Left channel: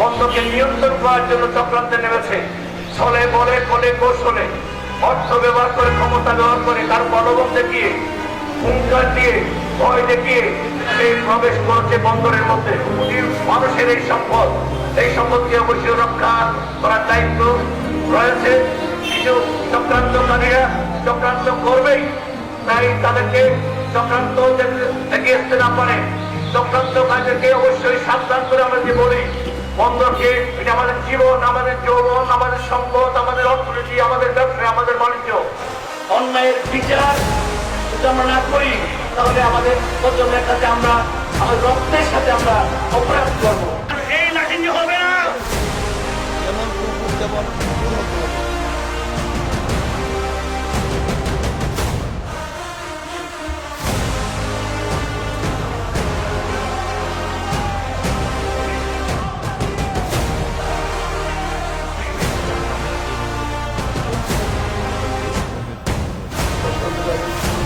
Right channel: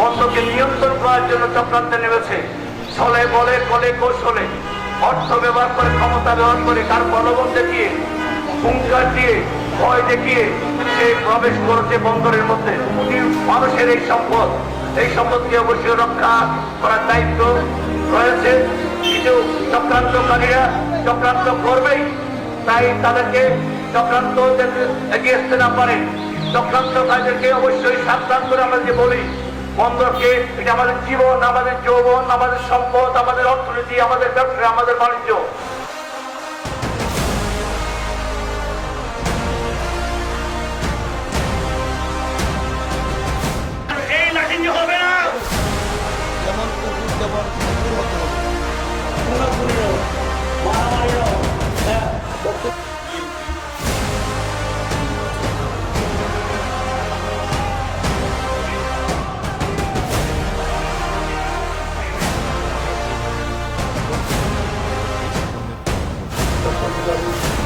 বন্দরকে নিয়ন্ত্রণ করার জন্য চক্রান্তে নেমেছে। ছলে বলে কলে কৌশলে অর্থ ব্যবহার করে, ক্ষমতা ব্যবহার করে, কার প্রলোভন দেখিয়ে, হুঙ্কার দিয়ে, ভয় দেখিয়ে সে প্রবেশ করেছে বন্দরের মধ্যে। মানুষের এই সম্পদকে অবশ্যই রক্ষা করার দায়িত্ব রয়েছে। কিছু চক্রান্তকারীরা চক্রান্ত করবেই, তাই তাদেরকে চক্রান্ত এগিয়ে আসতে না পারে চক্রান্তকারীদেরকে অবশ্যই সাবধান করে আমরা যে বলি, বন্দরকে এটা আমাদের জীবন, আমাদের যৌবন, আমাদের সম্পদ, আমাদের অর্থনীতি, আমাদের ব্যবসা, আমাদের বাণিজ্য। অন্যায়ের বিচার যদি আমরা না করি তাহলে আমাদের বন্দরের কাছে আমরা আমাদের রক্তের সাথে আমরা অপরাধ করবো। এই লাঠি হবে না, যেমন কুকুর তেমন কুকুর হতে হবে। Thank you.